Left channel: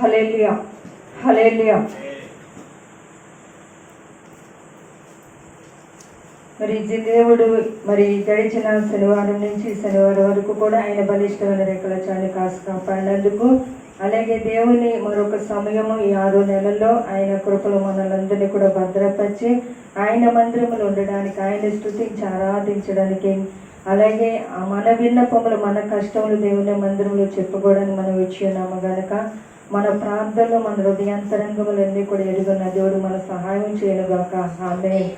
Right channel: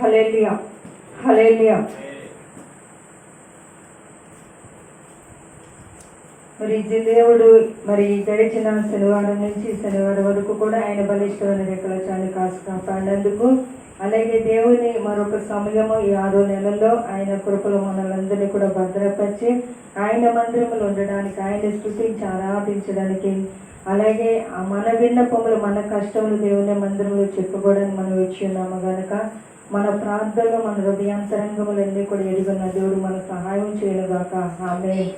Hallelujah hallelujah మరి దేవుడు మరి గడిచిన శనివారం నుంచి శనివారం వరకు కూడా ఆయన బలిష్టమైన రేఖల చాన్ని కాసు కాపాడినందుకు అలాగే దేవుని మరొక సమయము ఈ ఆరో నెలల్లో ఆయన కృపలు మనలందరినీ కూడా భద్రపరిచి ఆయన మందిరములు ఉండడానికి ఆయన స్థుతించి ఆరాధించడానికి అలాగే ఆ మన విన్నపములు మన కష్టములు దేవుని మందిరంలో చెప్పుకోవడానికి మనం వచ్చి ఉన్నాము గనక మన ప్రార్థనలో మన హృదయాంతరంగములన్నీ కూడా ఎదుగున్న దేవుడు మన సహాయం చేయనుగాక. ఆమె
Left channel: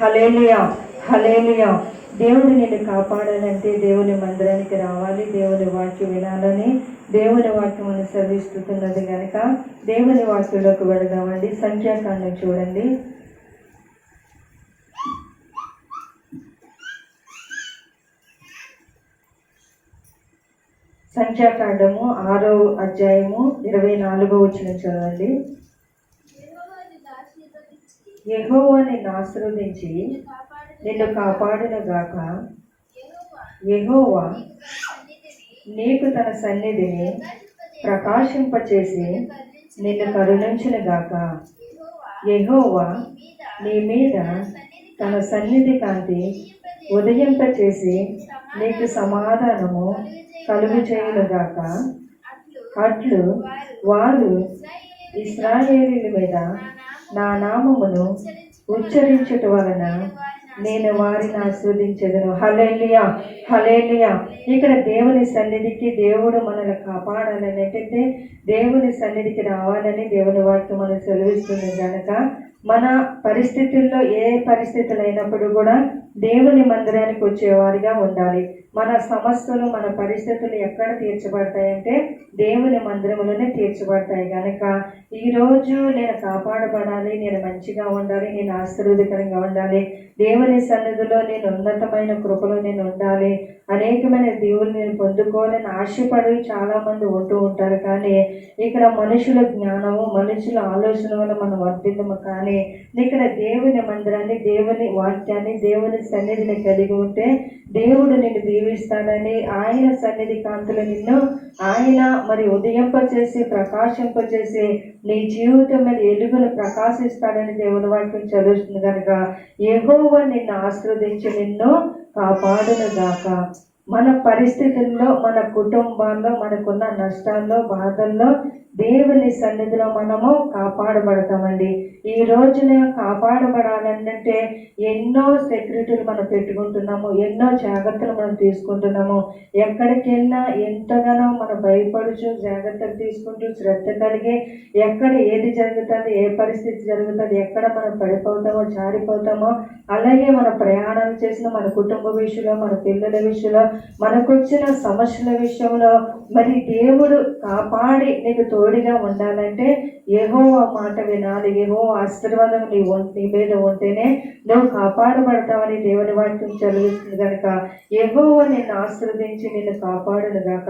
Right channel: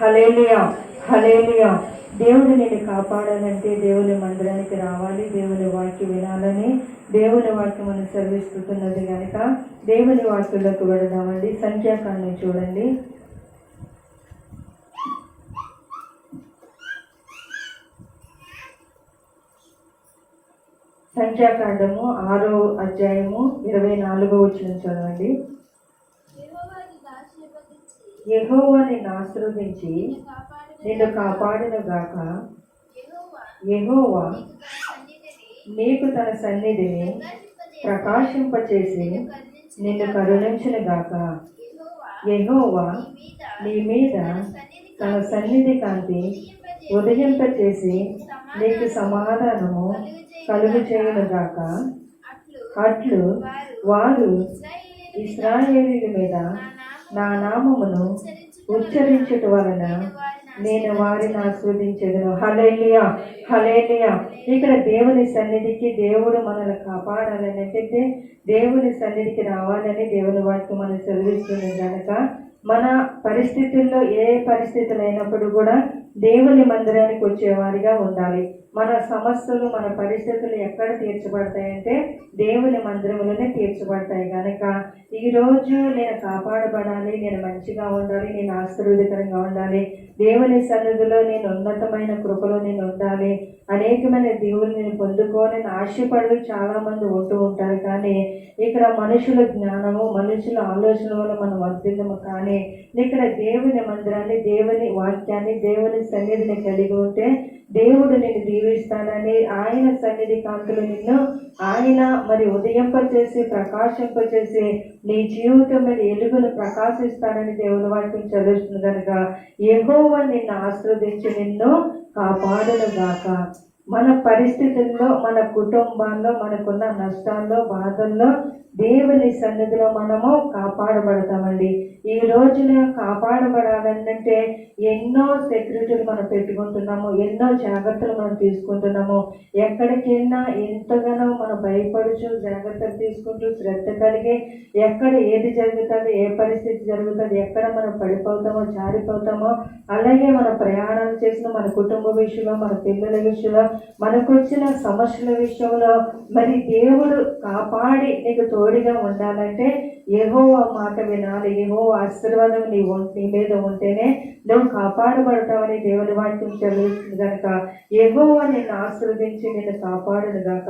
హలేలియా హలేలియా దేవుడు నేను కాపాడాలంటే దేవుని మందిరానికి రావాలి. దేవుని వాక్యం వినాలని దేవుని వాక్యం మనం సెలవిస్తున్నది కనుక దేవుని వాక్యంలోకి వెళదామండి. సంఖ్యాకాండం చూడండి. సంఖ్యాకాండము ఆరో అధ్యాయము ఇరవై నాలుగో వచ్చిన చదవండి. యెహోవా నిన్ను ఆశీర్వదించి నిన్ను కాపాడును గాక. యెహోవా నీకు తన సన్నిధిని ప్రకాశింపచేసి నిన్ను కరుణించును గాక. యహోవా నీ మీద తన సన్నిధి కాంతి ఉదయంపచేసి నీకు సమాధానము కలుగు చేయనుగాక అట్లు వారు ఇస్రాయేలీల మీద నా నామమును ఉచ్చరించట వలన నేను వారిని ఆస్వాదించదును. హలేలియా హలేలియా ఇక్కడ దేవుని సన్నిధికి దేవుడు మనల్ని కాపాడాలని అంటే దేవుని సన్నిధికి రావాలని దేవుని వాక్యం మనం సెలవిస్తుంది కనుక మన పరిస్థితుల్లో ఏ పరిస్థితులు అయినప్పుడు కూడా దేవుని మందిరానికి వచ్చేవారిగా ఉండాలి. మన సమస్యలు మన పరిస్థితులు ఎక్కడ తీర్చబడతాయంటే దేవుని మందిరములోనే తీర్చబడతాయి. కనుక ఈరోజు నేను కాపాడబడాలి నేను మంచిగా ఉండాలి నేను ఆశీర్వదకరంగా ఉండాలి దేవుని సన్నిధిలో నేను ఉన్నతమైన కృపలో నేను ఉండాలి అనేకమైన దేవుని నేను పొందుకోవాలని ఆశపడి చాలా మంది ఉంటూ ఉంటారు. కానీ ఇక్కడ మనుషుల జ్ఞానము మనుషుల ఆలోచన వల్ల మనం వర్తిద్దము కానీ ఇక్కడ దేవుని మందిరాన్ని దేవుని వాక్యాన్ని దేవుని సన్నిధిని కలిగి ఉంటే దేవుడు నిన్ను దీవిస్తాడని ఆయన సన్నిధి కాంతులు నిన్ను ఆయన మరి ఉదయింపచేసి ప్రకాశింపచేసి నీ జీవితం మీద ఎలుగులు ప్రకాశిస్తాడని దేవుని వాక్యం చదువుతుంది కనుక ఎగోవ నిన్ను ఆశ్రవదించి నిన్ను కాపాడును గాక మన పరిస్థితుల్లో మన కుటుంబాల్లో మనకున్న నష్టాల్లో బాధల్లో దేవుని సన్నిధిలో మనము కాపాడబడతామండి. ఈ రోజున కాపాడబడాలంటే ఎన్నో సెక్యూరిటీలు మనం పెట్టుకుంటున్నాము ఎన్నో జాగ్రత్తలు మనం తీసుకుంటున్నాము. ఎక్కడికైనా ఎంతగానో మనం భయపడుచు జాగ్రత్తలు తీసుకుంటూ శ్రద్ధ కలిగి ఎక్కడ ఏది జరుగుతుంది ఏ పరిస్థితి జరుగుతుంది ఎక్కడ మనం పడిపోతామో జారిపోతామో అలాగే మన ప్రయాణాలు చేసిన మన కుటుంబ విషయంలో మన పిల్లల విషయంలో మనకు వచ్చిన సమస్యల విషయంలో మరి దేవుడు కాపాడి నీకు తోడిగా ఉండాలంటే ఏహో మాట వినాలి. ఏహో ఆశీర్వాదం నీ నీ మీద ఉంటేనే నువ్వు కాపాడబడతావని దేవుని వాక్యం చదువుతుంది కనుక ఏహోవ నిన్ను ఆశీర్వదించి నిన్ను కాపాడును గాక.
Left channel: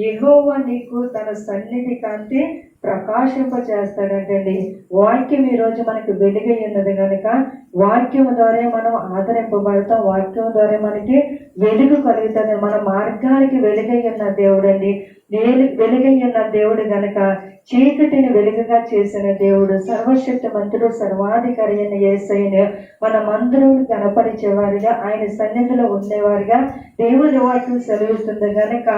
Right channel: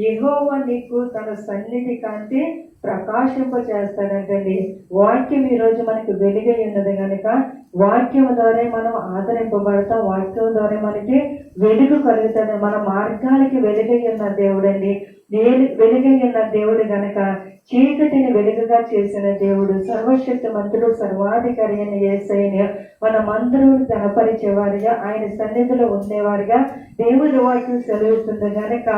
ఏహోవ నీకు తన సన్నిధి కాంతి ప్రకాశింపచేస్తాడంటండి. వాక్యం ఈ రోజు వెలుగై ఉన్నది కనుక వాక్యం ద్వారా మనం ఆదరింపబడతాం. వాక్యం ద్వారా మనకి వెలుగు కలుగుతుంది. మన మార్గానికి వెలుగై ఉన్న దేవుడండి. నేను వెలుగై ఉన్న దేవుడు గనక చీకటిని వెలుగుగా చేసిన దేవుడు సర్వశక్తి మంత్రుడు సర్వాధికారి అయిన ఏసైన మన మందిరం కనపరిచేవారిగా ఆయన సన్నిధిలో ఉండేవారిగా దేవుడి వాక్యం సెలవిస్తుంది గనక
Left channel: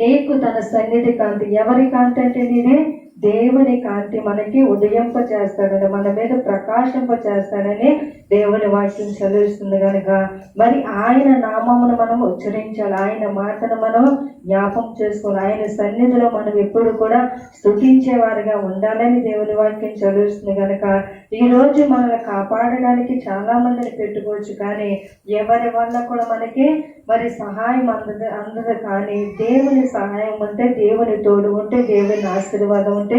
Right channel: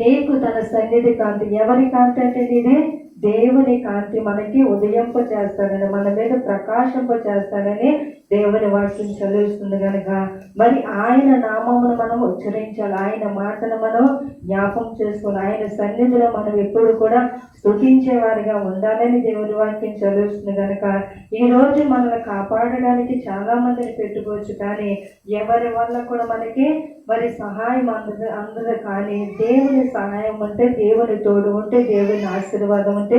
నీకు తన సన్నిధి కాంతి ఎవరి కాంతి అంటే నేనే దేవుని కాంతి మనకి ఉదయంప చేస్తాడని మన మీద ప్రకాశింప చేస్తాడని దేవుని వాక్యం చదివిస్తుంది కనుక మరి ఆయన నామమును మనం ఉచ్చరించాలి ఆయన మాటను మనం జ్ఞాపం చేసుకోవాలి ఆయన సన్నిధిలో మనం ఎప్పుడు కూడా స్థుతించేవారిగా ఉండాలని దేవుని వాక్యం చదివిస్తుంది కనుక ఈరోజు మనల్ని కాపాడడానికి చాలా మందిని పెట్టుకోవచ్చు కానీ ఎవరి వల్ల కూడా మనకి మరి సహాయం అందదు అందదు కానీ దేవుని సహాయం ఉంటే దేవుని తోడు ఉంటే దేవుని ఆశీర్వాదం ఉంటే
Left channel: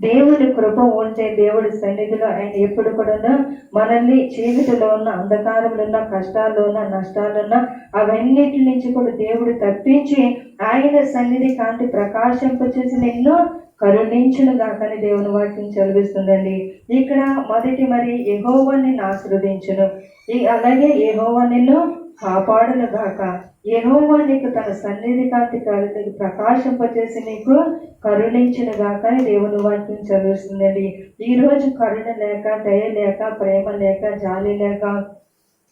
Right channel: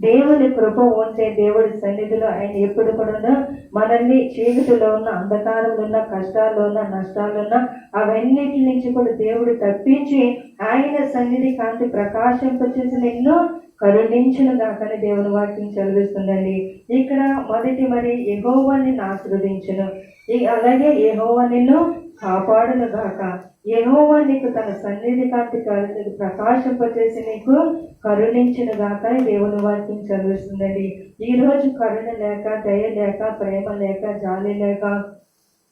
దేవుని కృప ఉంటే దేవుడి సన్నిధిలో ఆయన ఎప్పుడు కూడా మనల్ని చీకటిలో ఉన్న అంధకారంలో ఉన్న కష్టాల్లో ఉన్న నష్టాల్లో ఉన్న అవన్నిటి నుంచి కూడా దేవుడు తప్పించి ఆయన సన్నిధి కాంతి ప్రకాశింపచేసి నిన్ను కరుణించును గాకని దేవుని వాక్యం చదివిస్తుందండి. ఇక్కడ మొదటి మరి యెహోవా నిన్ను ఈ అలాగే యెహోవా నిన్ను కాపాడును గాక. యహోవా నీకు తన సన్నిధి కాంతి కరుణకు ప్రకాశింపచేసి నీకు కరుణించిన గాక. దేవుని వాక్యం చదువుతుందండి. ఈ రోజు కరుణ లేక దయ లేక ప్రేమ లేక జాలి లేక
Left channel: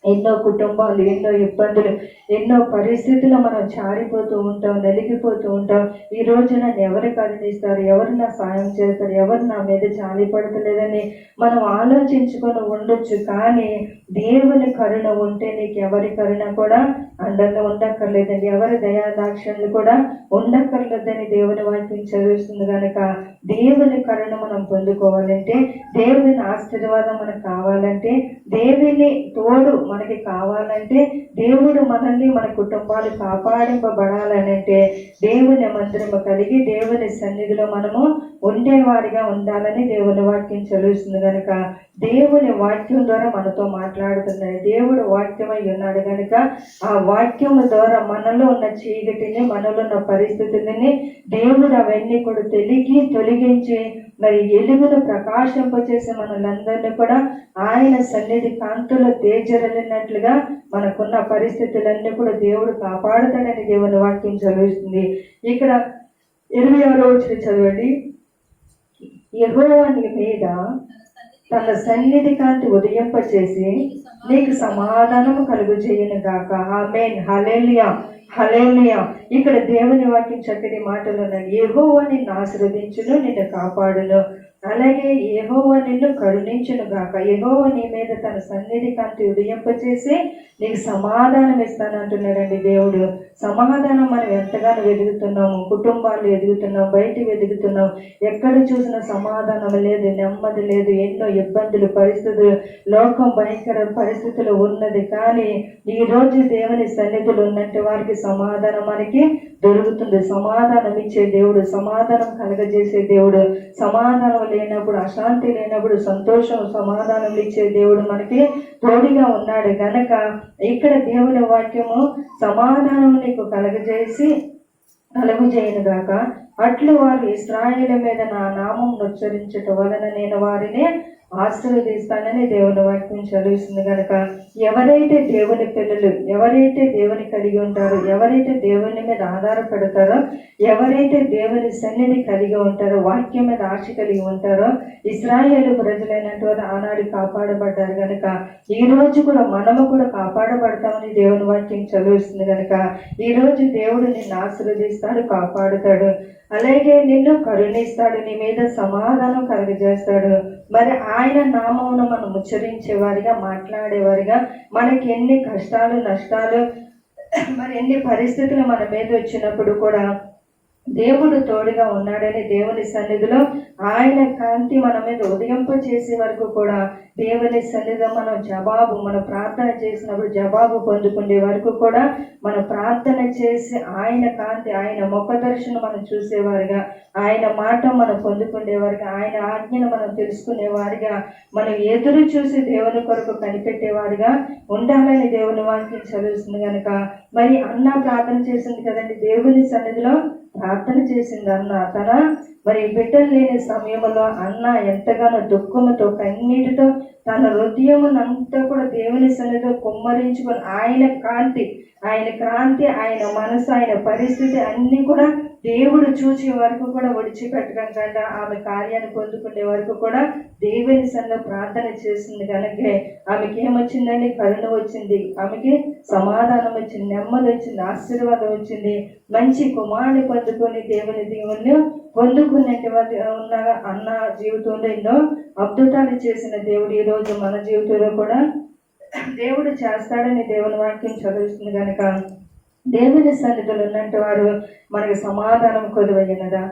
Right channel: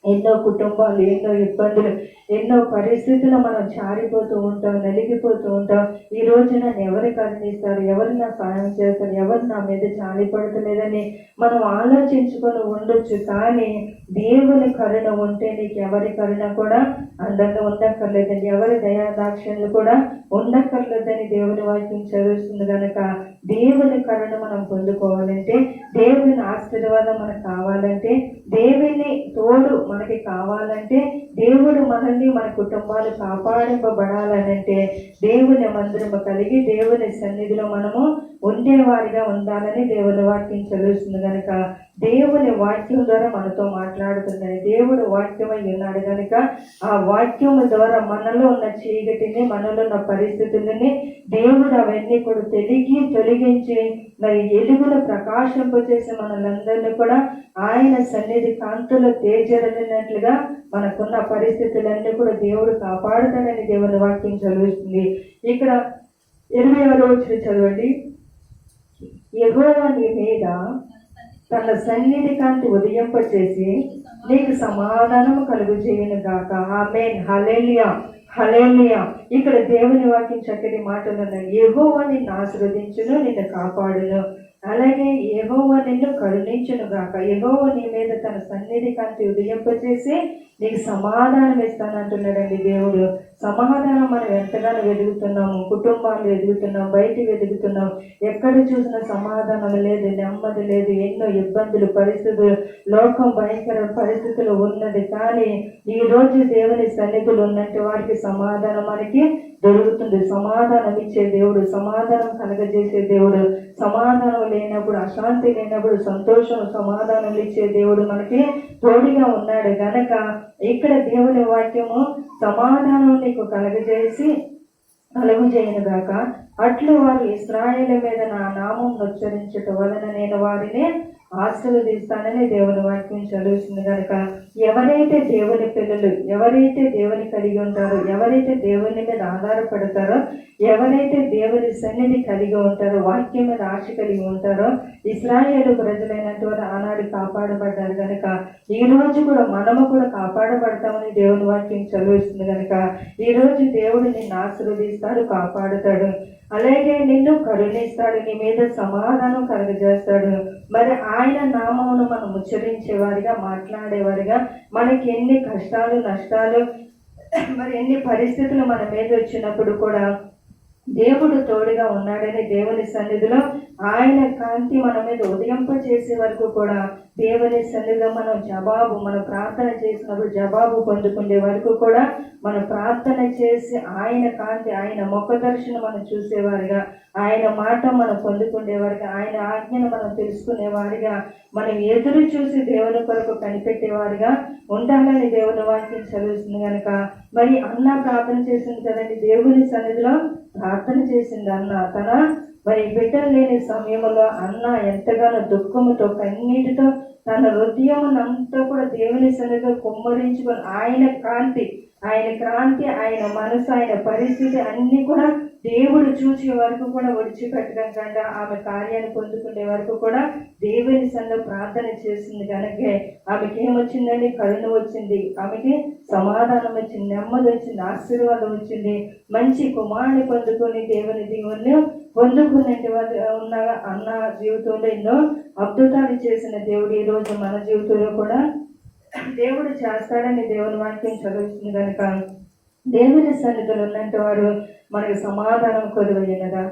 ఎన్నో కుటుంబాలు ఎన్నో ఇబ్బందులు ఎన్నో పరిస్థితులు మనం చారిపోతూ ఉంటాం నలిగిపోతూ ఉంటాం. ఈ రోజు నన్ను ఎవరు కరుణిస్తారు? ఎవరు నా సాయం చేస్తారు? ఎవరు నా మీద జాలి పడతలేదని మనం ఆలోచించుకొని ఉండొచ్చు. కానీ దేవుని కరుణ ఉంటే నీకు ఎవరి కరుణ కూడా అందంగా ఉండక్కర్లేదండి ఎవరి దయాదాక్షణలు కూడా ఉండక్కర్లేదని దేవుని వాక్యం చదువుతుంది కనుక దేవుని కరుణ మనం పొందుకోవాలంటే దేవుని ఆశీర్వాదం మనకు కావాలంటే దేవుని తోడు మనకి కావాలంటే దేవుడు మనల్ని మన కుటుంబాలు కాపాడింపబడాలనంటే దేవుని మందిరము కలిగి దేవుని సన్నిధిలో మనము ఉండేవారిగా ఉండాలని దేవుని వాక్యం చదువుతుంది కనుక దేవుని వాక్యం ద్వారా మనతో మాట్లాడుతున్నాడు దేవుడు వాక్యమై ఉన్నాడు కనుక ఆ వాక్యం ద్వారా మనలో ఉన్న చీకటిని మనలో ఉన్న పరిస్థితులని దేవుడు అవన్నీ కూడా తెలిగి తొలగించి మరి ఎలుగును ప్రకాశింపచేసి మనలందరినీ కూడా ఆయన సన్నిధి కాంతులు తేజరలినట్లుగా మనకున్న పరిస్థితులన్నీ కూడా దేవుడు కాపాడుతాడని దేవుని వాక్యం చదువుతుంది. ఇక్కడ ఇరవై ఆరో చదవండి. యెహోవా మీద తన సన్నిధి కాంతి ఉదయింపచేసి నీకు సమాధానము కలుగు చేయను గాక. ఆమెన్. హలేలియా హలేలియా ఇక్కడ దేవుని వాక్యం చక్కటి మాటలను ఉన్నాయి అని నిన్ను ఆశీర్వదించును నిన్ను కాపాడును. అలాగే యెహోవా నిన్ను కరుణించును గాక. ఎహోవ నీ మీద తన సన్నిధి కాంతి ఉదయింపచేసి నీకు సమాధానం ఇస్తానంటున్నాడండి దేవుడు. సమాధానం మనం ఎంతగానో వెతుకుతున్నాము కుటుంబాలు ఎదుగుతున్నాం. బయట వెతుకుతున్నాం ఎక్కడ చూసినా సమాధానం లేదు నెమ్మది లేదు. ఎన్నో ఇబ్బందులు పరిస్థితులు లోకం భయంకర పరిస్థితులు ఉన్నది. కానీ ఈ రోజు దేవుని సన్నిధులు ఉన్నట్టు వారికి సమాధానం మనకి దొరుకుతుంది సమాధానం ఇచ్చే దేవుడు సమాధానం కలగజేసే దేవుడు సమాధానం లేనప్పుడు అశాంతి లేనప్పుడు సంతోషం సమాధానం ఇచ్చే దేవుడు మనకి తోడిగా ఉన్నాడు. గనక ఇక్కడ దేవుని వాక్యము సమాధానం నీకు కలగజేసి కలుగు చేయను గాక. అట్లు వారు ఇస్రాయేల్ మీద నా నామం ఉచ్చరించటం వలన నేను వారిని ఆశీర్వదిస్తానని దేవుని వాక్యం చదువుతుంది కనుక ఎవరైతే దేవుని పిల్లలు ఎవరైతే దేవుని కలిగి ఉంటారో ఎవరైతే దేవుని మీద ఆధారపడతారో ఎవరైతే దేవుని సన్నిధి కలిగి ఉంటారో వాక్యం మీద ఆశ కలిగి ఉంటారో ఇస్రాయేల్ ప్రజలైనటువంటి ఆనాడు కాపాడబడ్డారు కనుక ఈ రోజు కూడా మనము కూడా కాపాడబడతామని దేవుని వాక్యం చదివిస్తుంది కనుక ఈ రోజు దేవుడు నిన్ను ఆశీర్వదిస్తాడు కాపాడుతాడు. అలాగే నిన్ను కరుణిస్తాడు నీ మీద సమాధానం కలుగజేస్తాడు. మరి ఆయన నామమును మనం ఉచ్చరించేవారిగా మాట్లాడేవారిగా మనకి ఎన్ని కష్టాలు నష్టాలు మరి ఎన్ని పరిస్థితులు మన మీద వచ్చినప్పుడు కూడా దేవుడు తోడుగా ఉన్నాడని దేవుని సన్నిధిలో ఆయన కాంతి మన మీద ఉదయింప చేసే వరకు కూడా దేవుని సన్నిధిలో మనం జవాబు మనం ప్రార్థన చేసినప్పుడు జవాబు పొందుకునే వరకు కూడా మనం ప్రార్థన చేసి ఆయన కాంతి ఆయన ముఖ దర్శనం మనం చూసేవారిగా ఆయన మాట మనం పొందుకునేవారిగా ఆయన ఆజ్ఞను మనం తెలుసుకునేవారిగా మనం ఎదురు చూసి దేవుని కొరకు కనిపెట్టేవారిగా ఉండాలని దేవుని వాక్యం చదువుతుంది కనుక మరి అన్న ప్రార్థన చేసింది కదండి దేవుని సన్నిధిలో ప్రార్థన చేసింది అన్న తన. మరి బిడ్డలు లేని సమయంలో అన్న ఎంతగానో దుఃఖముతో కన్నీటితో తన హృదయమునంతా కూడా దేవుని సన్నిధిలో కుమ్మరించుకొని ఆయన కాంతి ఆయన కాంతి ఆయన మనసు ఆయన పరిస్థితి అన్నీ కూడా దేవుడు చూసే వరకు కూడా విడిచిపెట్టకుండా ఆమె కార్యాన్ని పొందుకునే వరకు కూడా దేవుని సన్న ప్రార్థన చేసింది కనుక. ఆమెకి ఏమొచ్చిందండి? కరుణ వచ్చింది. ఆమెకి సమాధానం వచ్చింది నెమ్మది వచ్చింది ఆశీర్వాదం వచ్చింది. మంచి కుమారుని పొందుకొని దేవుని దేవుని పొందుకున్నట్టు ఉన్న అన్న జీవితంలో ఎన్నో అద్భుతాలు చేసిన దేవుడు ఈ రోజు మన జీవితంలో కూడా దేవుడు చేస్తాడని దేవుని వాక్యం చదువుతుంది కనుక. దేవుని సన్నిధులు ఉన్నట్టు వారు మనకి సమాధానం కొలువైనదా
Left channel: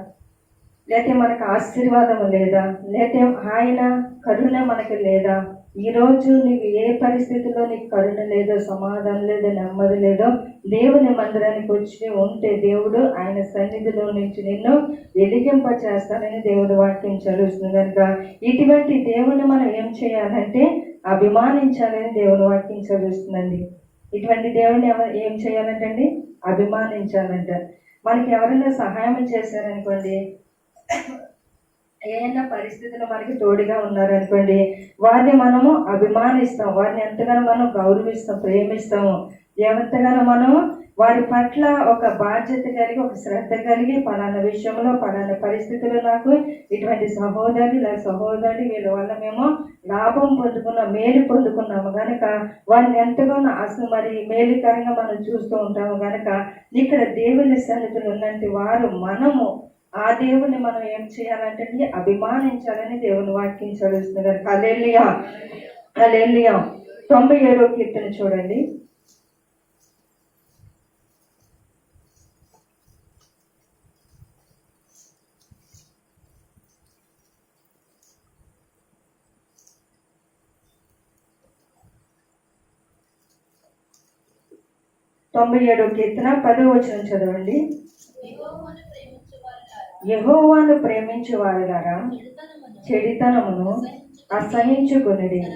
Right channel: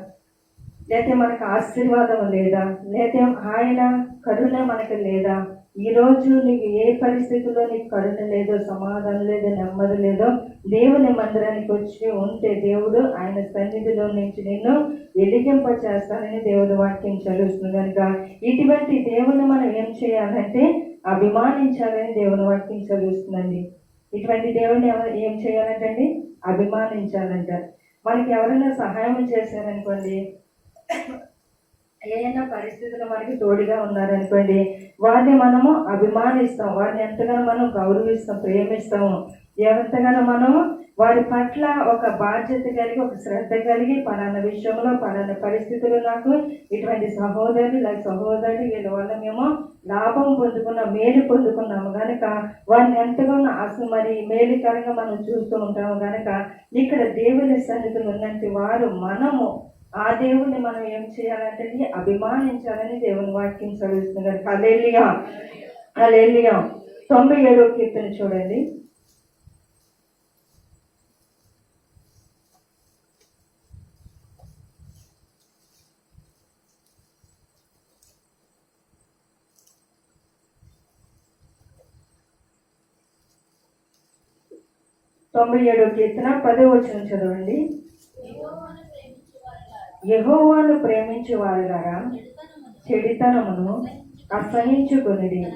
లేకపోతే మనకు ఆశీర్వాదం లేదా? లేకపోతే ఆయన కరుణ మనకి లేదా? ఈ రోజు నీకు ఏ పరిస్థితిలో నీకు కరుణ లేదో సమాధానం లేదో నెమ్మది లేదో దేవుని మందిరానికి వచ్చి ఉంటే దేవుడు ఆయన సన్నిధిలో నుంచి నిన్ను ఎదిగింప చేస్తానని దేవుడు వాక్యం చదువుతుంది కనుక ఇటువంటి దేవుని మనం ఏం చేయాలంటే అభిమానించాలని దేవుని వాక్యం చదువుతుందండి ఇటువంటి దేవుడిని ఎవరు ఏం చేయాలంటండి? అభిమానించాలంట. మనకి ఎవరైనా సహాయం చేశారనుకోండి ఏదైనా పరిస్థితులు మనకి తోడుగా ఉన్నారనుకోండి వారిని మనము అభిమానిస్తాం. వారిని ఎంతగానో మనం గౌరవిస్తాం ప్రేమిస్తాము. ఎంతగానో మనం వారి పట్ల ఒక బాధ్యత కలిగి ఒక శ్రద్ధ కలిగి పలానా విషయంలో పలానా పరిస్థితులు నాకు ఇటువంటి సహోదరులు ఇలా సహోదరులు వీళ్ళ వల్ల మేము లాభం పొందుకున్నాం మేలు పొందుకున్నాము. కనుక వారిని ఎంతగానో అసలు మరి మేలుకరంగా మనం చూస్తూ ఉంటాము. కనుక ఇక్కడ దేవుని సన్నిధులు ఉన్నట్టు వారు మనము ఆ దేవుని మనం ఏం చేయాలంటే అభిమానించాలని దేవుని వాక్యం చదువుతున్నారు. అలెలియా అలెలియా తొంభై ఏడో కీర్తన చూడండి. తొంభై ఏడో కీర్తన పదో వచనం చదవండి. యహోవాను ప్రేమించు వారులారా చెడితనమును అసహించుకునిడి.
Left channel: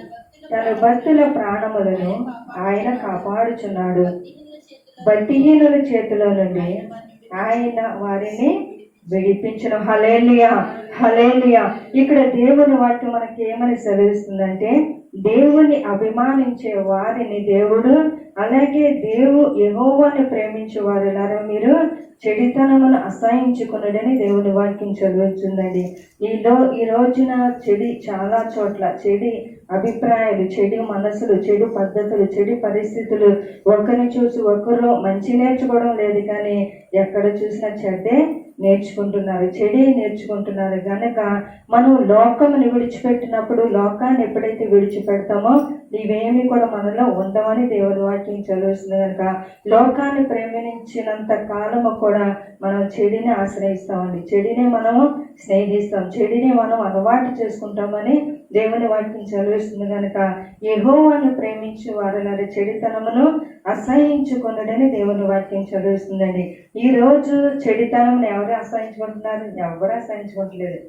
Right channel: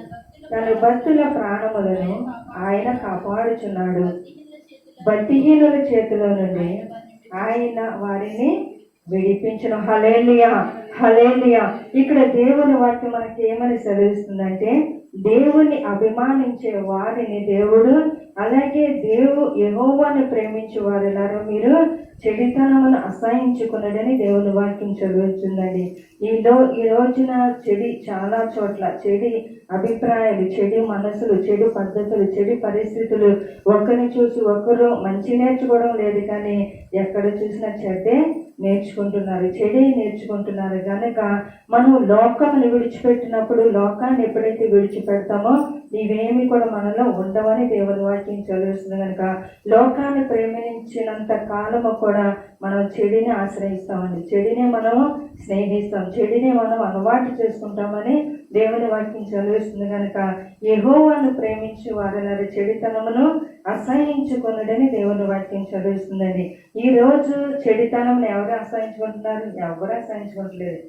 తన భక్తుల ప్రాణములను ఆయన కాపాడుచున్నాడు. భక్తిహీనుల చేతిలో చేతిలో నుండి ఆయన వారిని విడిపించిన. హలేలియా హలేలియా ఇక్కడ దేవుని వాక్యం మనకి ఏమని సెలవిస్తుందంటే దేవుని అభిమానించే వారిని దేవుడు అలాగే దేవు యహోవాని ప్రేమించే వారు మీరు చెడితనమును అసహించుకున్నాడని దేవుని వాక్యం చదువుతుందండి. ఈలో ఈ రోజున చెడి చాలా చోట్ల చెడి అభిప్రాయాలు చెడు మనసులు చెడు పద్ధతులు చెడు పరిస్థితులు ఒకరిని చూసి ఒకరు మంచి నేర్చుకోవడం లేదు కానీ ఎక్కడ చూసినా చెడ్డే నేర్చుకుంటున్నారు చెడే నేర్చుకుంటున్నారు. కనుక మనం లోకముని విడిచిపెట్టినప్పుడు లోకాన్ని ఎప్పుడైతే విడిచిపెడతామో ఇవేమి కూడా మనలో ఉండవని దేవుని వాక్యం చదివిస్తుంది కనుక లోకాన్ని ప్రేమించినంత కాలము కూడా మనం చెడిని ఆశ్రయిస్తామండి. చెడిని మనము స్నేహిస్తాం. చెడిని మనం అలవాటు చేసుకుంటామని దేవుని వాక్యం చదివిస్తుంది కనుక యెహోవాను ప్రేమించే వారు చెడితనమును అసహించుకున్నడని దేవుని వాక్యం చదివిస్తుందండి. ఈ రోజు చెడితనం ఎవరు అసహించుకుంటున్నారు? ఎవరు అసహించుకోవట్లేదు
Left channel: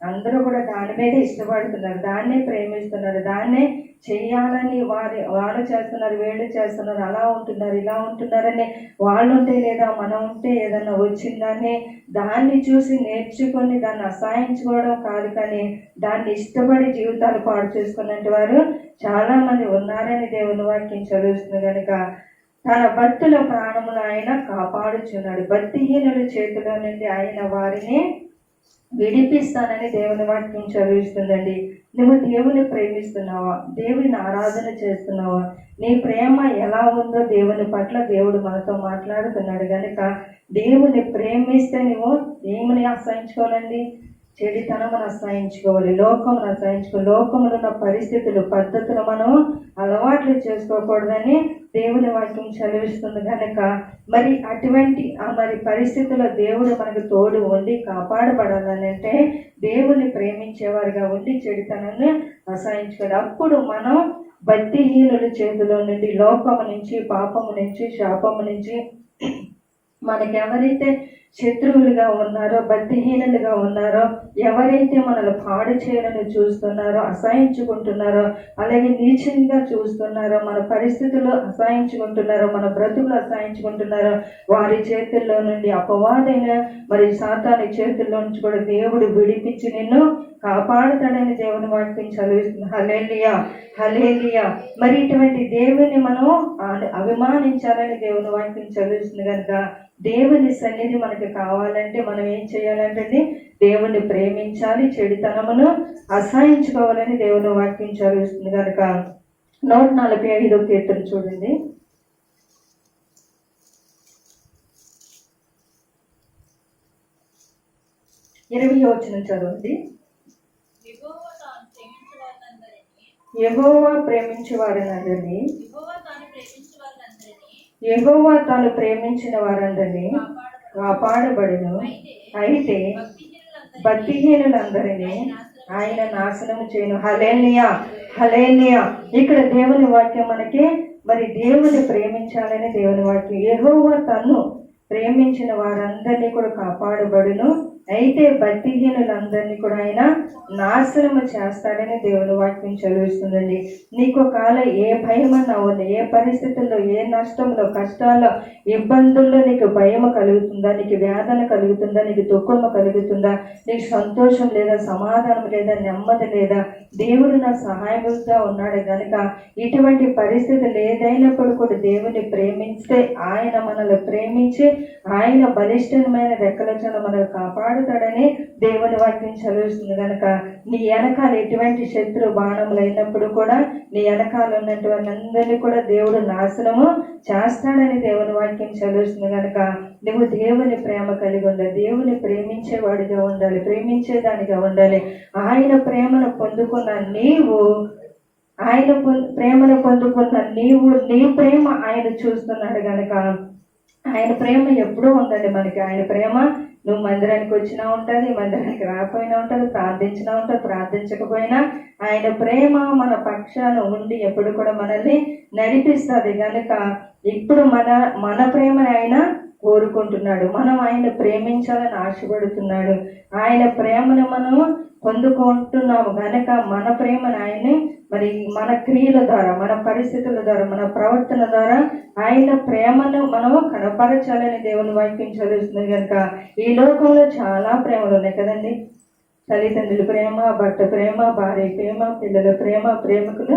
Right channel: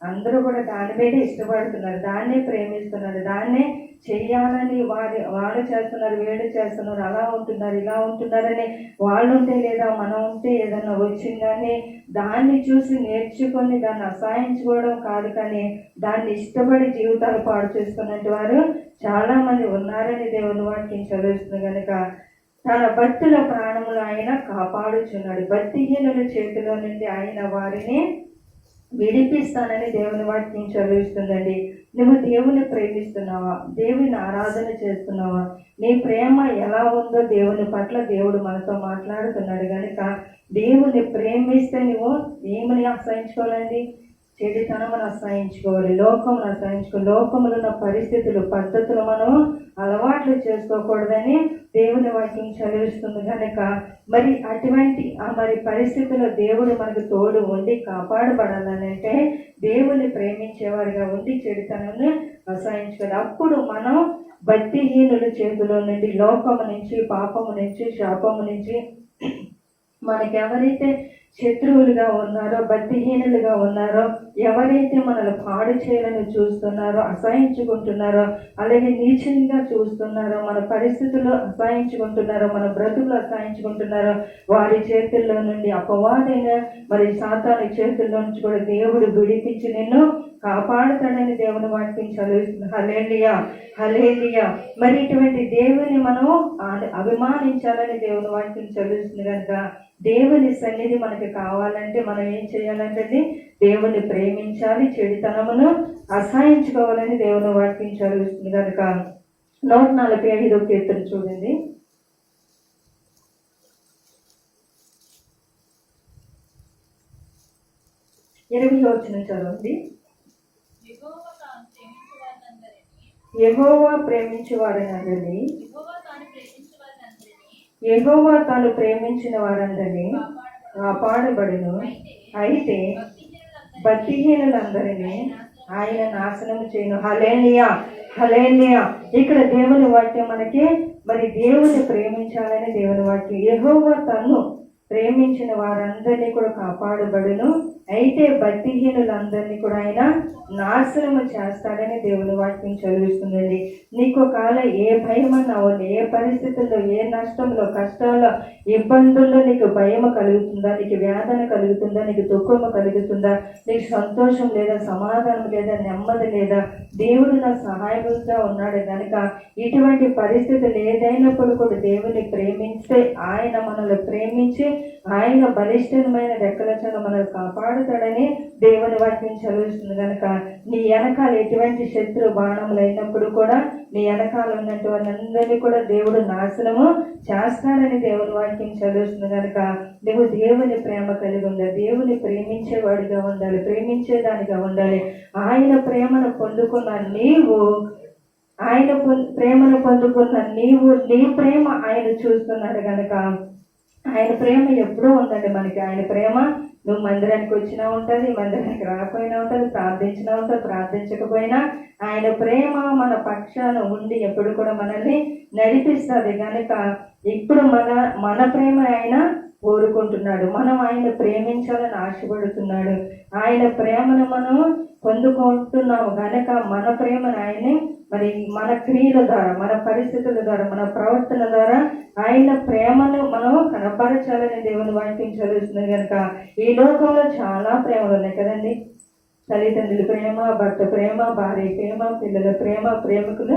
అందరూ కూడా దాని మీదే ఇష్టపడుతున్నారు. దాన్నే ప్రేమిస్తున్నారు. దాన్నే చేయాలని వారి వాళ్ళు చేస్తున్నారు వీళ్ళు చేస్తున్నారు అలా ఉంటున్నారు ఇలా ఉంటున్నారని వాళ్ళు ఉంటే లేదా మనం ఉంటే ఏదన్నా వచ్చిందని దాన్ని చూసి నేర్చుకొని దాన్ని అసహించుకోవడం కాదు కానీ దాన్ని ఇష్టపడి జీవితాలు పాడు చేసుకున్నట్టు వారు చాలామంది ఉన్నారని దేవుని వాక్యం చదువుతుంది కనుక తన భక్తుల ప్రాణములు ఆయన కాపాడుచున్నాడు. భక్తిహీనుల చేతిలో నుండి ఆయన వారిని విడిపిస్తానని దేవుని వాక్యం చదివిస్తుందండి. నువ్వు దేవుని ప్రేమిస్తున్నావా? దేవుని ఆరాధన చేస్తున్నావా? నీ ప్రేమ ఎలా ఉందో దేవుని పట్ల దేవుడు మనతో మాట్లాడుతున్నాడు కనుక దేవుని ప్రేమిస్తే నువ్వు దేవుని ఆశ్రయించుకోవాలండి? చెడితనమును రసాయించుకోవాలి. లోకం రసాయించుకో లోకములో ఉన్న పరిస్థితులు పద్ధతులు మనం అలవాట్లు చేసుకోకూడదని దేవుని వాక్యం చదివిస్తుంది కనుక మరి అటువంటి మరి పరిస్థితుల్లో దేవుడు మనకు తోడు ఉండి కాపాడబడాలని అంటే దేవుని ప్రేమించేవారిగా ఉండి చెడుతనాన్ని రసాయించుకోవాలి. అప్పుడు మనం భక్తిహీనుల చేతిలో నుండి లోకము నుంచి పాపము నుంచి శాపము నుంచి మనకి ఎవరైతే శత్రువులుగా ఉన్నారో భక్తిహీనులుగా ఉన్నారో ఎవరైతే మనల్ని పాడు చేయాలని చూస్తున్నారో అసహించుకుంటున్నారో అలాగే నీచంగా చూస్తున్నారో మన పరిస్థితులు అసహించుకుంటున్నారో మన బ్రతుకులు అసహించుకుంటున్నారో వారి చేతుల్లో నుండి అపవాదైన మరి సాతాని చేతుల్లో నుంచి కూడా దేవుడు విడిపించి నిన్ను కాపాడుతాడని దేవుని వాక్యం చదివిస్తుంది. హలేలియా హలేలియా మరి ఇటువంటి దేవుని మనం అభిమానించాలని దేవుని వాక్యం చదివిస్తుంది కనుక దేవుని సన్నిధి మనకి కావాలంటే మనం ఏం చేయాలంటే దేవుని ప్రేమించాలి చెడితనమును అసహించుకోవాలని దేవుని వాక్యం చదివిస్తుంది కనుక. నూట నలభై ఐదో కీర్తన చూడండి. ఇరవై వచ్చిన చదవండి. యెహోవా తాను ప్రేమించు వారినందరినీ, యహోవా ప్రేమించు వారినందరినీ యెహోవా తాను ప్రేమించు ఎగోవా యహోవా తాను ప్రేమించిన వారందరినీ కాపాడబడును. అయితే భక్తిహీనులందరినీ ఆయన నాశనం చేయను. హలేనియా హలేనియా ఇక్కడ దేవుని వాక్యం మనకి మరి దేవుని ప్రేమించాలని దేవుని వాక్యం. యెహోవా తను ప్రేమించిన వారందరినీ కూడా కాపాడబడును. అయితే భక్తిహీనులందరినీ కూడా ఆయన నాశనము చేస్తాడని దేవుని వాక్యం చదివిస్తుందండి. నీకు ఒకవేళ ఏ భయం అన్నా ఉంది ఏ పరిస్థితుల్లో ఏ నష్టంలో కష్టాల్లో ఇబ్బందుల్లో నీకు భయము కలుగుతుందా నీకు వేదన కలుగుతుందా నీకు దుఃఖము కలుగుతుందా నీకు సంతోషం లేదా సమాధానం లేదా నెమ్మది లేదా దేవుడు నా సహాయకుడిగా ఉన్నాడు కనుక ఇటువంటి పరిస్థితులు ఏదైనప్పుడు కూడా దేవుని ప్రేమిస్తే ఆయన మనల్ని ప్రేమించి ఆయన బలిష్టమైన రెక్కలచన మనల్ని కాపాడు వాడుతాడని దేవుని వాక్యం చదివిస్తుంది కనుక నీ వెనకాల ఎటువంటి శత్రు బాణములు అయినప్పుడు కూడా నీ వెనకాల ఉన్నటువంటి అందరినీ కూడా దేవుడు నాశనము చేస్తాడని దేవుని వాక్యం చదివిస్తుంది కనుక నువ్వు దేవుని ప్రేమ కలిగి ఉండాలి దేవుని ప్రేమించేవాడిగా ఉండాలి ప్రేమించేదానిగా ఉండాలి. ఆయన ప్రేమను పొందుకున్న నీవు ఆయన ప్రేమను పొందుకున్న నీవు నీ ప్రేమ ఆయన చూస్తున్నాడు కనుక ఆయన ప్రేమ ఎప్పుడూ ఉందండి మనకి. ఆయన ప్రేమ నువ్వు మందిరానికి వచ్చినా ఉంటుంది మందిరానికి రాకపోయినా ఉంటుంది ప్రార్థించినా ఉంటుంది ప్రార్థించకపోయినా ఆయన ప్రేమ మన పక్షాన ఉండి ఎప్పుడు కూడా మనల్ని నడిపిస్తుంది. కనుక ఇప్పుడు మన మన ప్రేమని ఆయన కోరుకుంటున్నాడు. మనం ఆయన ప్రేమించాలని ఆశపడుతున్నాడు. ఆయన ప్రేమను మనం పొందుకుంటున్నాము కనుక మన ప్రేమను ఆయనే మరి మన క్రియల ద్వారా మన పరిస్థితుల ద్వారా మన ప్రవర్తన ద్వారా ఆయన ప్రేమను మనం కనపరచాలని దేవుని వాక్యం చదువుతుంది కనుక ఈ లోకంలో చాలా ప్రేమలు ఉన్నాయి కదండి. తల్లిదండ్రుల ప్రేమ భర్త ప్రేమ భార్య ప్రేమ పిల్లల ప్రేమ ప్రేమికుల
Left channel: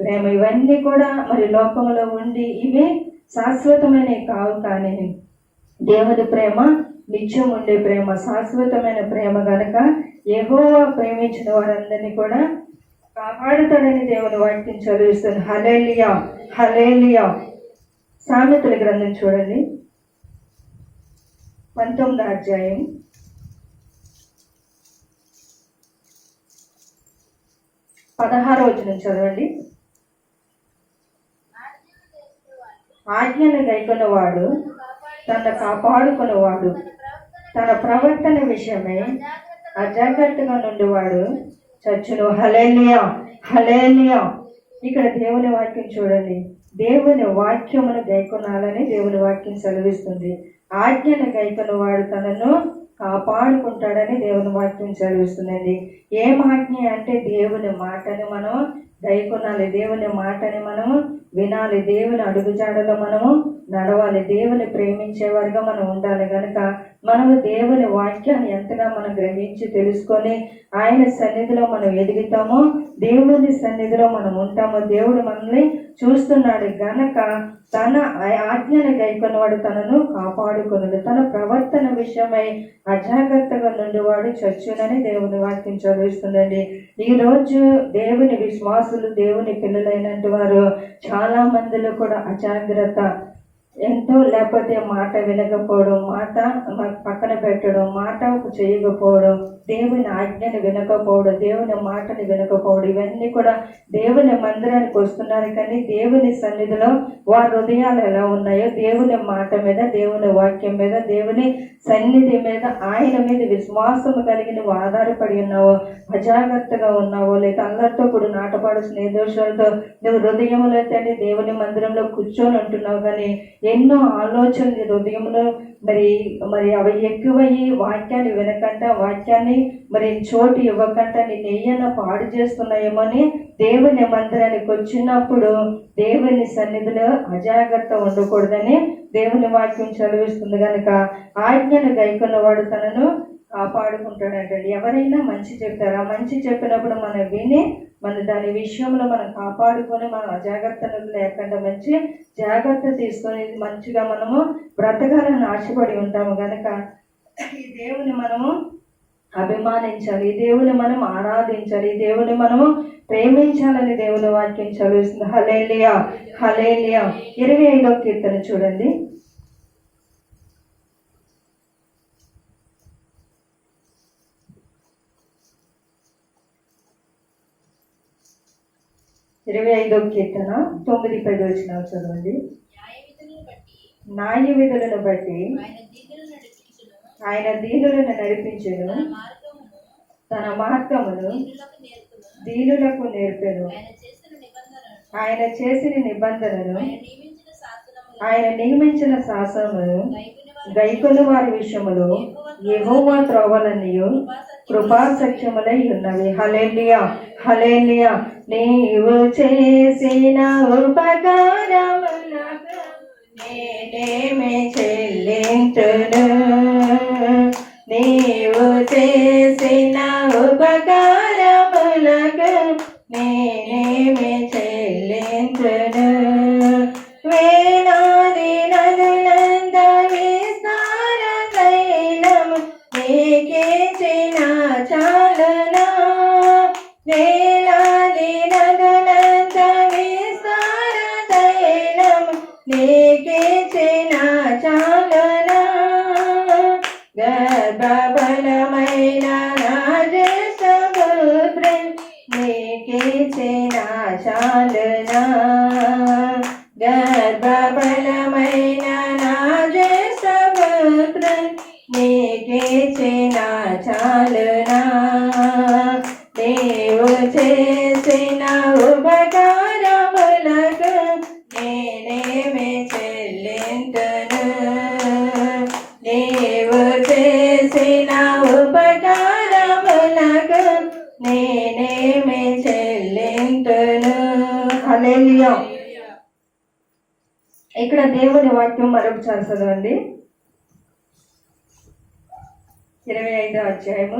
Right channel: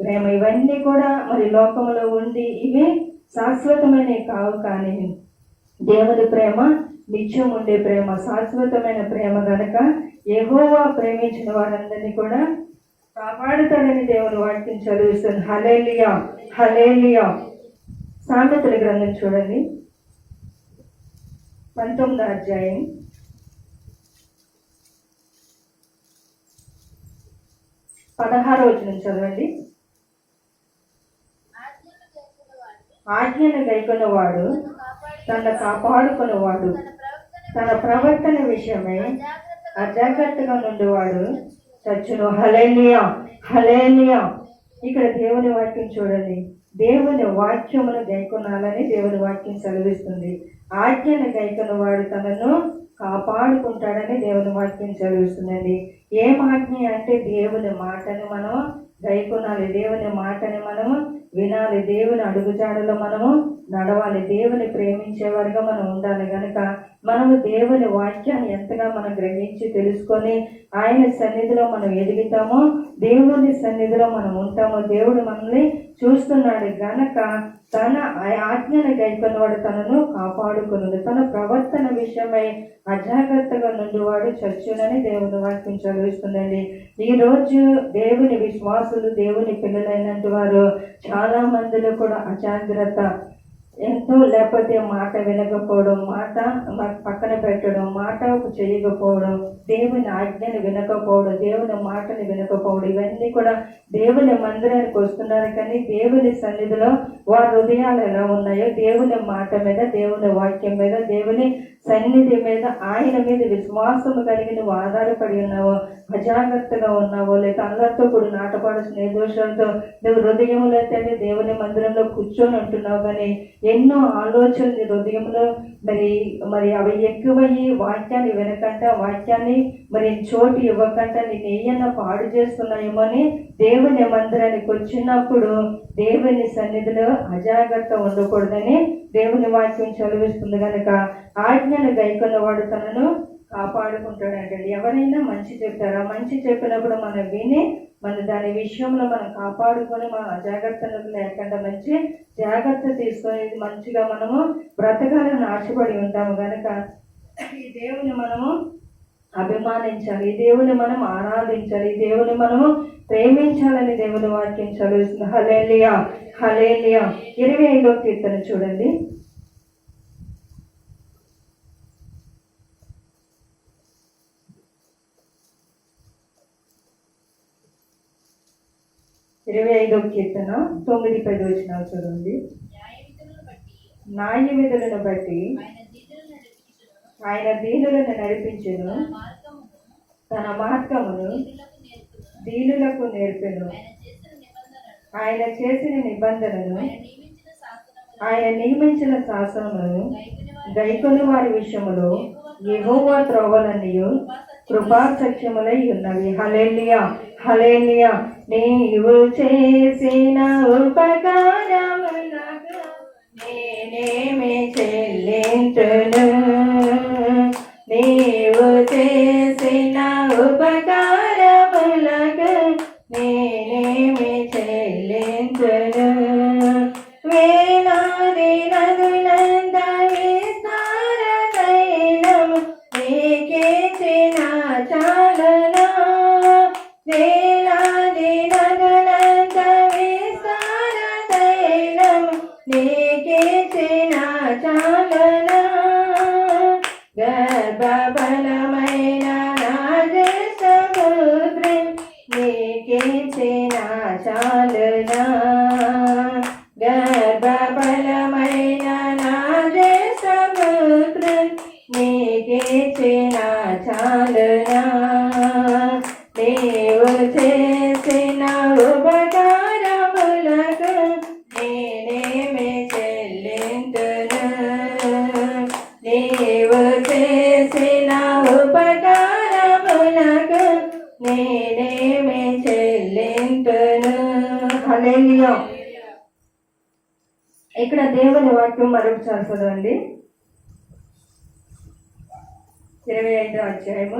ప్రేమ ఇవన్నీ కూడా మరి లోకంలో ఉండి ఇవి శాశ్వతమైనవి కావు కానీ దేవుని ప్రేమ నిత్యం ఉండే ప్రేమ శాశ్వతమైన ప్రేమ గనక ఎహోవా ప్రేమించిన వారందరినీ కూడా కాపాడుతాడని దేవుని వాక్యం చదివిస్తుంది. హలేలియా హలేలియా సామెతల గ్రంథం చూడండి. పంతొమ్మిదో అధ్యాయం. పదహారో వచ్చిన చదవండి. ఆజ్ఞను గైకొన్నవాడు తన కాపాడుకున్నవాడు. తన ప్రవర్తన విషయమై అజాగ్రత్తగా నుండివాడు. చచ్చును హలేలియా హలేలియా ఇక్కడ దేవుని వాక్యం చూడండి. దేవుని వాక్యమును గైకొనాలని దేవుని వాక్యం సెలవిస్తుంది. ఆజ్ఞను గైకొన్నవాడు తనను కాపాడుకుంటాడని దేవుని వాక్యం చదివిస్తుందండి ఏం ఆజ్ఞ అంటే దేవుని మాటని మనం గైకొనాలి. దేవుని మాటని మనం వినాలి. దేవుని అడుగుజాడలో మనము నడవాలి. దేవుని ప్రేమించేవారిగా మనం ఉండాలి. కనుక మనము దేవుని వాక్యాన్ని ఎంతగా మనం గ్రహించి తెలుసుకొని ఆయన సన్నిధిలో మనం ఎదుగుతామో దేవుని సన్నిధిలో మనం ఉంటామో దేవుడు మనల్ని చూస్తున్నాడు. గనక తన ఆజ్ఞను గైకొన్నవాడు తనను కాపాడుకున్నాడు తన ప్రవర్తన విషయమై అజాగ్రత్తగా నుండివాడు చచ్చునని దేవుని వాక్యం చదివిస్తుందండి. ఈరోజు దేవుని విశ్వాసులు దేవుని పిల్లలైనటువంటి వారు చాలా మందిలో కూడా అజాగ్రత్త. ఎంతో లేకపోతే మాట వినకపోవడం మాట పక్కన పెట్టడం మాట చేయకపోవడం దేవుని ఆజ్ఞను వినకపోవడం దేవుని మాటని వినకపోవడం ఇవన్నీ కూడా దేవుని మందిరానికి వస్తున్నారు. కానీ దేవుని సన్నిధిలో వారి హృదయాలు ఎలా ఉన్నాయో దేవుని మాట మీద దేవుని వాక్యం మీద దేవుని సన్నిధి మీద ఆయన మీద విశ్వాసము కలిగి నువ్వు ఆధారపడి ఉన్నావో అజాగ్రత్తగా ఉన్నావో లేక అందరితో కూడా నాటపాడు స్నేహితులతో నువ్వు హృదయంలో తండ్రి దేవుని మందిరంలో కూర్చొని ఉంటున్నావు కానీ ఎన్నో ఆలోచనలు హృదయంలో మరి మరి అవి ఎక్కువయ్యి వాక్యాన్ని వినకుండా వాక్యాన్ని మరి చోటు ఇవ్వకుండా నేను ఏయన్నా పాడు చేస్తున్నాయేమో అని దేవుని మందిరానికి వచ్చినప్పుడు దేవుని సన్నిధిలో అజాగ్రత్త ఉండకూడదని దేవుని వాక్యం చదివిస్తుంది కనుక ఆజ్ఞను గైకొన్నవాడు తనను కాపాడుకుంటాడంటండి. ఎవరైనా మంచి చెప్పారా? మంచి చెప్పినప్పుడు మనం విని మన దాని విషయంలో మనం కాపాడుకొని మనం అజాగ్రత్తలు లేకుండా మంచి జాగ్రత్త తీసుకొని మంచిగా మనము బ్రతకాలని ఆశపడి ఉంటాము కనుక ఈ దేవుని మనము అభిమానించాలి. ఈ దేవుని మనం ఆరాధించాలి. ఈ దేవుని మనము ప్రేమించాలని దేవుని వాక్యం చదివిస్తుంది. హలేలియా హలేలియా ఇరవై ఐదో కీర్తన చూడండి. ఇరవై ఐదో కీర్తన తొమ్మిది పది వచ్చిన చదవండి. న్యాయ విధులను బట్టి న్యాయ విధులను బట్టి ఆయన దీనులను నడిపించును. తన మార్గమును దీనులకు నేర్పును. ఆయన చేసిన నిబంధనలను ఆయన చేసిన నిబంధనలు ఆయన నియమించిన శాసనములు గైకొని వారి విషయములో యెహోవా త్రోవలనియు కృపా సత్యములై ఉన్నవి. హలేలియా హలేలియా నీవు చేసిన ఉపకారములకు నేనేమి చెల్లించును? చేసిన ఉపకారములకు నేనేమి చెల్లించును. వేలాది నదులంద విస్తార తైలము నీకిచ్చిన చాలునా. వేలాది నదులంద విస్తార తైలము నీకిచ్చిన చాలునా. గర్భబలమైన రాజసముద్రం నీకిచ్చిన చాలునా గర్భబలమైన రాజసముద్రం నీకిచ్చిన చాలునా నీవు చేసిన ఉపకారములకు నేనేమి చెల్లింతును నీవు చేసిన ఉపకారములకు నేనేమి చెల్లింతును హల్లెలూయా ఇక్కడ దేవుని వాక్యం మరొకసారి చదవండి ఇరవై ఐదో అధ్యాయము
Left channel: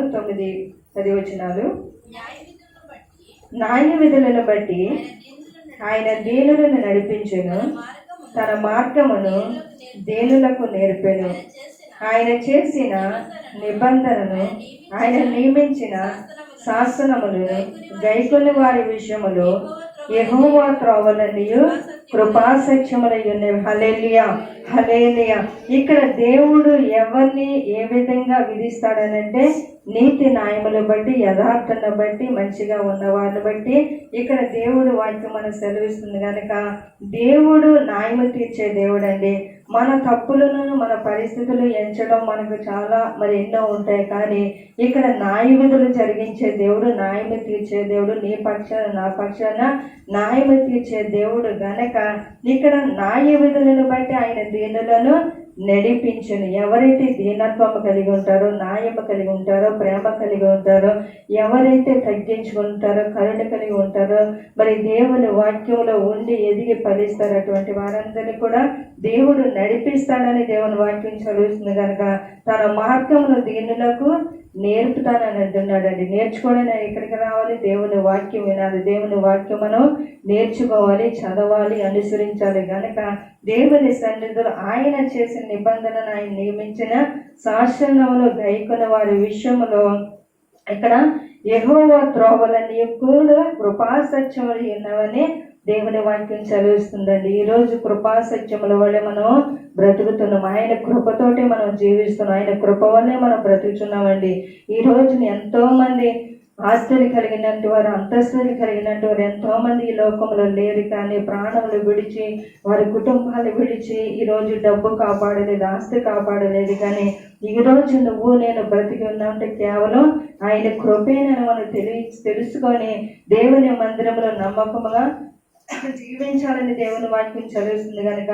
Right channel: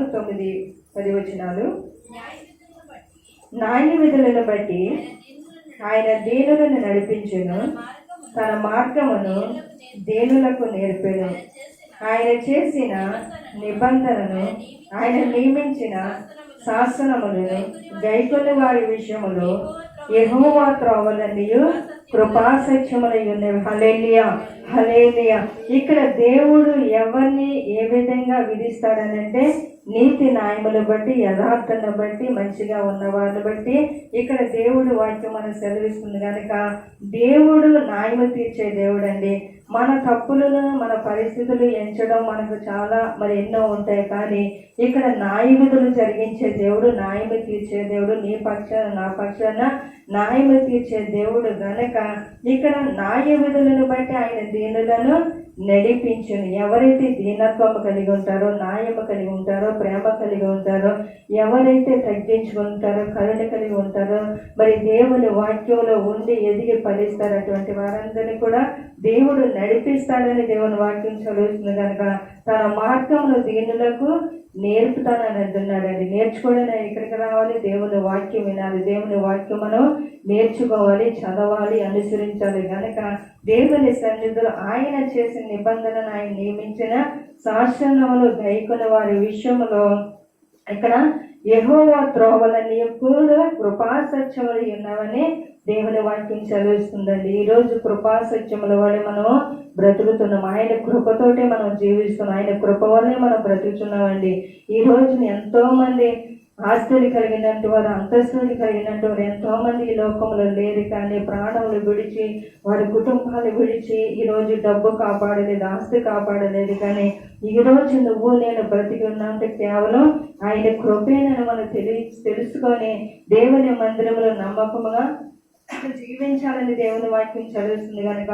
తొమ్మిది న్యాయ విధులను బట్టి ఆయన దీనులను నడిపించను. నడిపించును తన మార్గమును దేనులకు నేర్పెను. ఆయన చేసిన నిబంధనను ఆయన నియమించిన శాసనములను గైకొని వారి విషయములో ఎహోవా త్రోవలనియు కృపా హలేలియా హలేలియా ఇక్కడ దేవుడు ఎవరిని ఏ విధంగా విధిస్తాడనంటే నీతి న్యాయములు బట్టి యథార్థను బట్టి మంచిగా ఉన్న బట్టి ఇక్కడ దేవుడు వాక్యం మనకు సెలవిస్తుంది కనుక దేవుడు న్యాయము తీర్చే దేవుడు అండి మన తప్పులను మన పరిస్థితులు ఎంచడం మనకు చాలా మరి ఎన్నో ఉంటాయి కానీ ఇక్కడ న్యాయ విధులు జరిగించే దేవుడు న్యాయము తీర్చే దేవుడు నీ పక్షాన నా పక్షాన న్యాయము తీర్చే దేవుడు గనక ఇక్కడ న్యాయ విధులను బట్టి ఆయన దీనులను నడిపించును. ఎవరైతే దీనత్వము కలిగి ఉంటారో న్యాయము కలిగి ఉంటారో ప్రేమ కలిగి ఉంటారో ఎవరైతే తగ్గించుకుంటారో కరుణ కలిగి ఉంటారో మరి దేవుని వాక్యంలో ఉండి ఎదిగి ఫలిస్తారు అటువంటి వారందరినీ కూడా దేవుడు నడిపిస్తాడని దేవుని వాక్యం చదువుతుంది కనుక తన మార్గంలో దీనులకు నేర్పుతానని అంటున్నాడండి. నేర్చుకోవడానికి ఇక్కడికి రావాలి దేవుని వాక్యం వినాలి దేవుని వాక్యం మనం నేర్చుకోవాలి చదవాలి అనుసరించాలి. కనుక దేవుని సన్నిధిలో ఆయన చేసిన నిబంధనను ఆయన నియమించిన శాసనములు గైకుల వారి విషయంలో ఇక్కడ ఎహోవ త్రోవలని కూడా కృపా సత్యములు ఉన్నవని దేవుని వాక్యం చదివిస్తుందండి. ఈరోజు కృపా సత్యముల వల్ల మనం బ్రతుకుతున్నాం. ఆయన కృపతోటే మనం జీవిస్తున్నాం. ఆయన కృప వల్లే మనం బ్రతుకుతున్నామండి. ఈ రోజున ఎంతోమంది ఆస్తులు కలిగినట్టు వారు అంతస్తులు కలిగినట్టు వారు ఎంతోమంది ఈ లోకంలో లేరు కానీ ప్రాణములు విడిచి వారి కుటుంబాలు విడిచి ఈ రోజు డబ్బు కాపాడలేదు ఆస్తి కాపాడలేదు కానీ ఈ రోజు నువ్వు నేను బ్రతికి ఉన్నామంటే కేవలం ఆయన కృపేనని మనం తెలి తెలుసుకొని దేవుని మందిరంలో నమ్మకముగా జీవించాలని దేవుని వాక్యం చదివిస్తుంది కనుక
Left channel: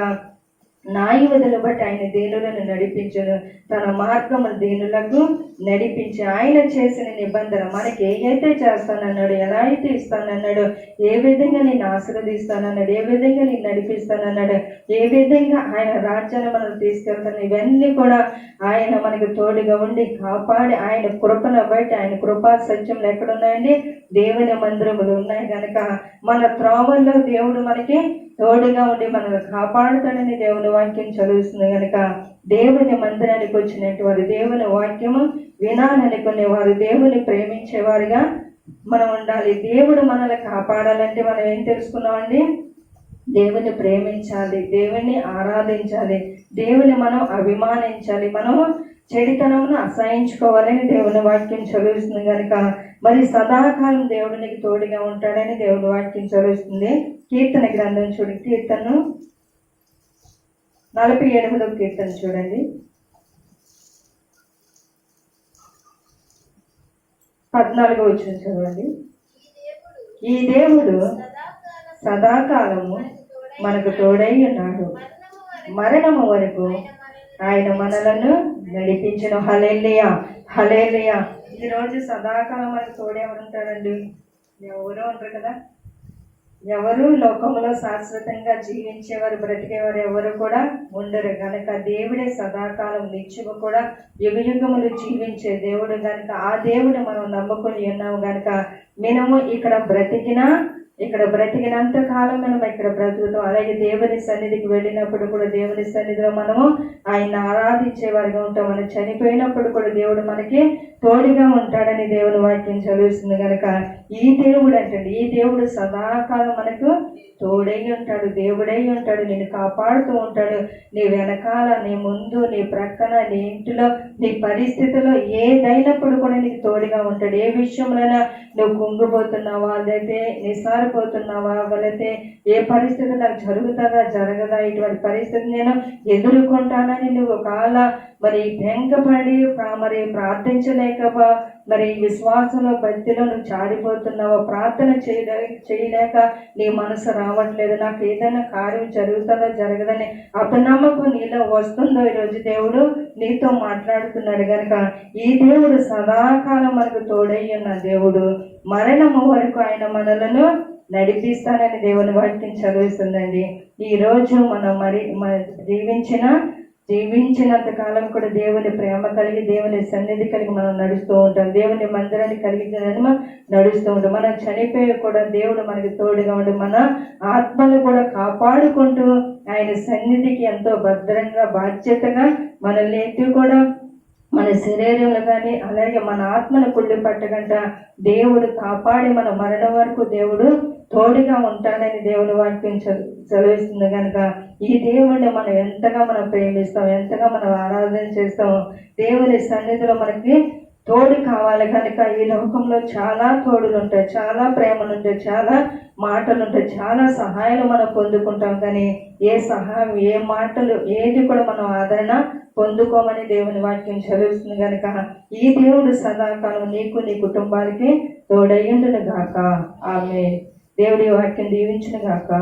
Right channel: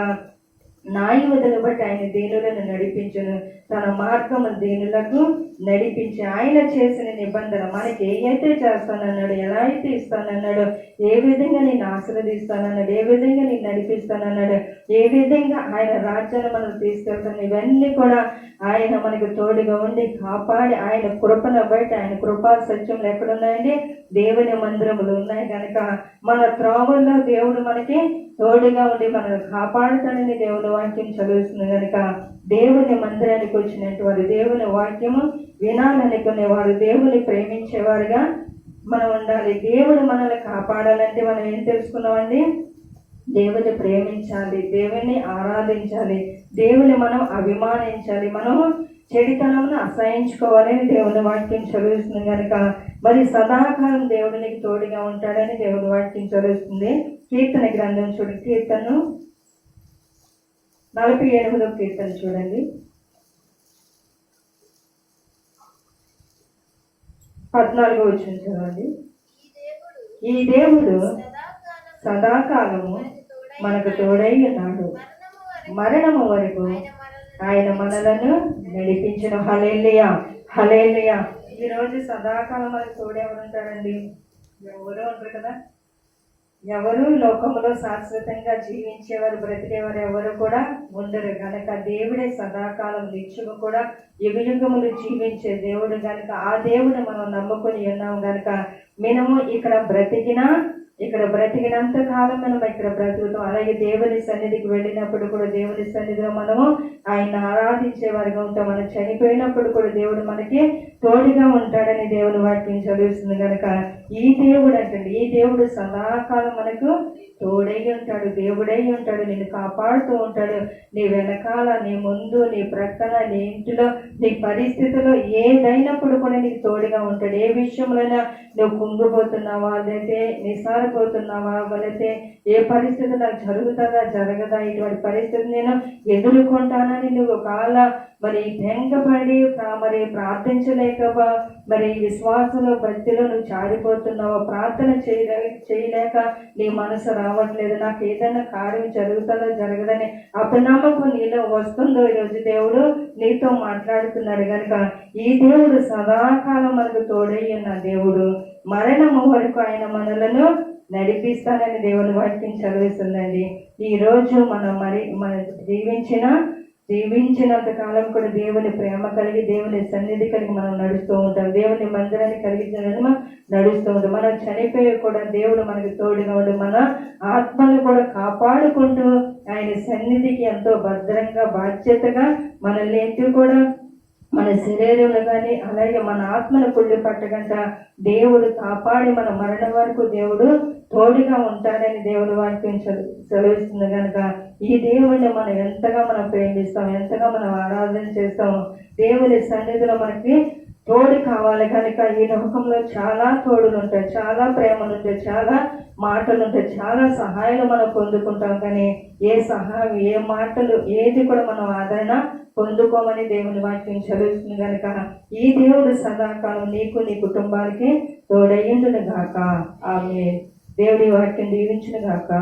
నాయువదను బట్టి ఆయన దేనులను నడిపించను. తన మార్గము దేనులకు నడిపించి ఆయన చేసిన నిబంధన మనకి ఏదైతే చేస్తానన్నాడు ఎలా అయితే ఇస్తానన్నాడు ఏ విధంగా నేను ఆశీర్వదిస్తానన్నాడు ఏ విధంగా నేను నడిపిస్తానన్నాడు ఏ విధంగా ఆయన రాజ్యాన్ని మనం తీసుకెళ్తాను ఇవన్నీ కూడా ఆయన మనకు తోడుగా ఉండి కాపాడి ఆయన కృపను బట్టి ఆయన కృపా సత్యములు ఎక్కడున్నాయండి? దేవుని మందిరములు ఉన్నాయి. కనుక మన త్రోవల్లో దేవుడు మనకి తోడుగా ఉండి మనల్ని కాపాడుతాడని దేవుడు వాక్యం చదువుతుంది కనుక దేవుని మందిరానికి వచ్చినట్టు దేవుని వాక్యము వినాలనుకునే వారు దేవుని ప్రేమించేవారుగా మనం ఉండాలి. దేవుడు మనల్ని కాపాడాలంటే మనం ఏం తెలుసుకున్నామండి? దేవుని ప్రేమించాలి దేవుని ఆరాధించాలి దేవుని మనం అభిమానించాలి మనం చెడితనమును అసహించుకోవాలని దేవుని వాక్యం చదివిస్తుంది కనుక మరి సదాకాలం దేవుడు నీకు తోడుగా ఉంటాడని దేవుని వాక్యం చదువుతుంది. కీర్తన గ్రంథం చూడు కీర్తను నలభై ఎనిమిదో కీర్తన చూడండి. పద్నాలుగో వచ్చిన చదవండి. ఈ దేవుడు సదాకాలం సదాకాలము మనకు తోడై ఉన్నాడు. మరణము వరకు ఆయన మనలను నడిపించిన. హలేలియా హలేలియా ఈ రోజు సదాకాలం మనకు తోడే ఎవరు ఉంటారండి? ఉంటారు కదా. ఎవరు? లోకంలో శాశ్వతంగా జీవించేవారు బ్రతికేవారు ఎవరు కూడా ఉండరు. కనుక దేవుడే సదాకాలం నిత్యము కూడా యుగయుగములు జీవించే దేవుడు కనుక ఆ దేవుడు మనం నమ్ముకొని ఉన్నాము కనుక మనము ఇక్కడ బ్రతికినా ఇక్కడ బ్రతికినంత కాలం మనం ఇక్కడ బ్రతుకుతాం. అలాగే దేవుని సన్నిధికి వెళ్ళినప్పుడు కూడా దేవుని సన్నిధిలో మనము ఆయన ఆరాధించే వారిగా ఉంటాం. మనం చనిపోయినప్పుడు కూడా దేవుడు మనకి తోడుగా ఉంటాడని దేవుని వాక్యం చదివిస్తుంది కనుక ఈ దేవుడు అంటండి ఈ దేవుడు సదాకాలం మనకు తోడై ఉంటాడు దేవుడై ఉంటాడు నేను కాపాడుతూ ఉంటాడు. నీ వెనకాల నీ ముందు నీ ప్రక్కన నీ ఇంటిలో నీ పరిస్థితిలో ఏదైనప్పుడు కూడా నీకు తోడుగా ఉంటాడు. ఏ విషయంలో నువ్వు కుంగిపోతున్నావా లేకపోతే నిసారిపోతున్నావా లేకపోతే ఏ పరిస్థితి నాకు జరుగుతుందా? జరగదా? ఇటువంటి పరిస్థితి నేను ఎదుర్కొంటానని నువ్వు కాల మరి భయంకపడి మరి ప్రార్థించలేక మరి విశ్వాసంలో భక్తిలో నువ్వు చారిపోతున్నావా? ప్రార్థన చేయలే చేయలేక నీ మనసు రావట్లేదు. నాకు ఏదైనా కార్యం జరుగుతుందో జరగదని అపనమ్మకం నీలో వస్తుందో ఈరోజు దేవుడు నీతో మాట్లాడుతున్నాడు కనుక ఈ దేవుడు సదాకాలం మనకు తోడై ఉన్న దేవుడు. మరణము వరకు ఆయన మనలను నడిపిస్తానని దేవుని వాక్యం చదివిస్తుందండి. ఈ రోజు మనం మరి జీవించిన జీవించినంత కాలం కూడా దేవుని ప్రేమ కలిగి దేవుని సన్నిధి కలిగి మనం నడుస్తూ ఉంటాం. దేవుని మందిరాన్ని కలిగి మనం నడుస్తూ ఉంటాం. మనం చనిపోయి కూడా దేవుడు మనకి తోడుగా ఉండి మన ఆత్మను కూడా కాపాడుకుంటూ ఆయన సన్నిధికి ఎంతో భద్రంగా బాధ్యతగా మనల్ని ఏంటి కూడా మన శరీరంలో కానీ అలాగే మన ఆత్మను కుళ్ళి పట్టకుండా దేవుడు కాపాడి మన మరణం వరకు దేవుడు తోడుగా ఉంటాడని దేవుడు వాక్యం చదివిస్తుంది కనుక ఈ దేవుడిని మనం ఎంతగా మనం ప్రేమిస్తాం ఎంతగా మనం ఆరాధన చేస్తాం దేవుని సన్నిధిలో మనకి తోడు కావాలి. కనుక ఈ లోకంలో చాలా తోడులు ఉంటాయి చాలా ప్రేమలు ఉంటాయి చాలా మాటలు ఉంటాయి చాలా సహాయాలు మనం పొందుకుంటాం. కానీ ఏ సహాయం ఏ మాటలు ఏది కూడా మనం ఆదరణ పొందుకోమని దేవుని వాక్యం చదువుతుంది కనుక ఈ దేవుడు సదాకాలం నీకు నీ కుటుంబానికి తోడయ్యుండును గాక. ఆమె దేవుడి వాక్యం దీవించును గాక.